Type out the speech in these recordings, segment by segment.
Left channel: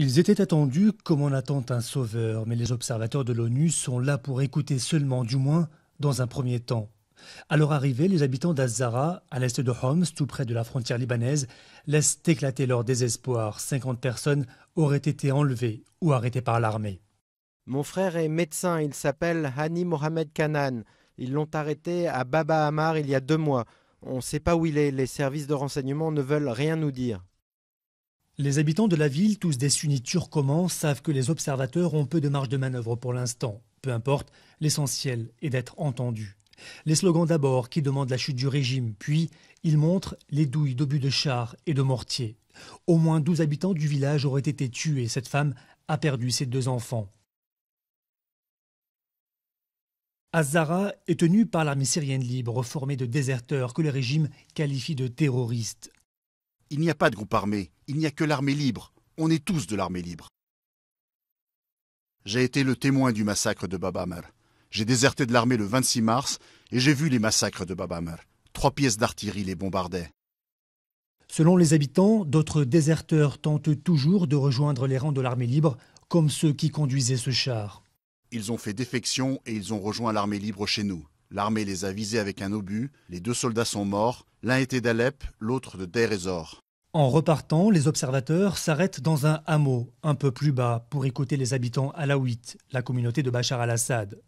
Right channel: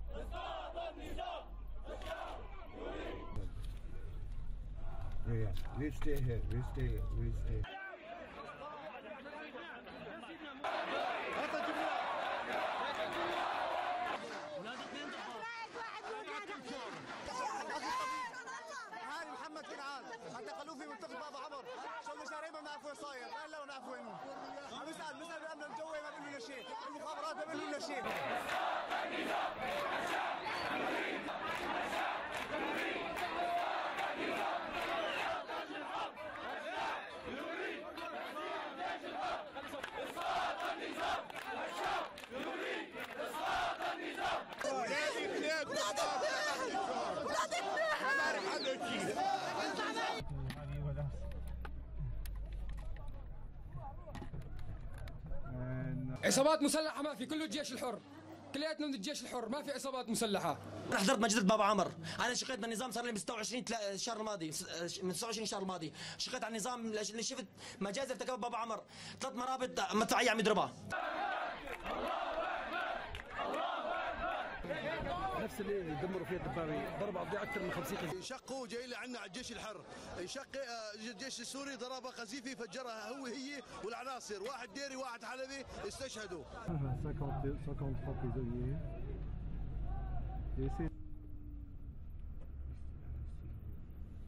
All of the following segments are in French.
Ils étaient attendus comme on attend un sauveur, mais les observateurs de l'ONU sont là pour écouter seulement, du moins dans un premier temps. À leur arrivée, les habitants d'Az-Zara, à l'est de Homs, tout près de la frontière libanaise, laissent éclater leur désespoir. 50 personnes auraient été enlevées ou arrêtées par l'armée. Mon frère est médecin, il s'appelle Hani Mohamed Kanan. Ils l'ont arrêté à Baba Amar il y a 2 mois. On ne sait pas où il est, les services de renseignement ne veulent rien nous dire. Les habitants de la ville, tous des sunnites turcomans, savent que les observateurs ont peu de marge de manœuvre pour l'instant. Peu importe, l'essentiel est d'être entendu. Les slogans d'abord qui demandent la chute du régime, puis ils montrent les douilles d'obus de chars et de mortiers. Au moins 12 habitants du village auraient été tués. Cette femme a perdu ses 2 enfants. Az-Zara est tenue par l'armée syrienne libre, formée de déserteurs que le régime qualifie de terroristes. Il n'y a pas de groupe armé, il n'y a que l'armée libre. On est tous de l'armée libre. J'ai été le témoin du massacre de Baba Amar. J'ai déserté de l'armée le 26 mars et j'ai vu les massacres de Baba Amar. 3 pièces d'artillerie les bombardaient. Selon les habitants, d'autres déserteurs tentent toujours de rejoindre les rangs de l'armée libre, comme ceux qui conduisaient ce char. Ils ont fait défection et ils ont rejoint l'armée libre chez nous. L'armée les a visés avec un obus. Les 2 soldats sont morts. L'un était d'Alep, l'autre de Deir ez-Zor. En repartant, les observateurs s'arrêtent dans un hameau, un peu plus bas, pour écouter les habitants alaouites, la communauté de Bachar al-Assad.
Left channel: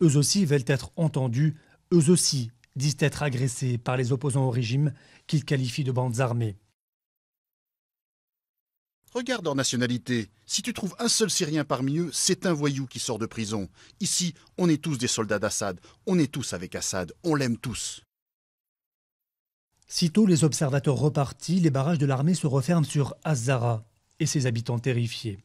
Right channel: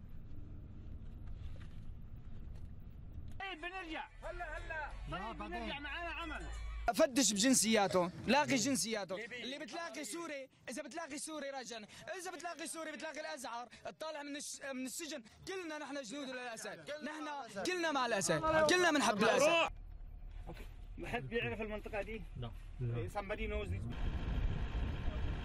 Eux aussi veulent être entendus, eux aussi disent être agressés par les opposants au régime, qu'ils qualifient de bandes armées. Regarde leur nationalité. Si tu trouves un seul Syrien parmi eux, c'est un voyou qui sort de prison. Ici, on est tous des soldats d'Assad. On est tous avec Assad. On l'aime tous. Sitôt les observateurs repartis, les barrages de l'armée se referment sur Az-Zara et ses habitants terrifiés.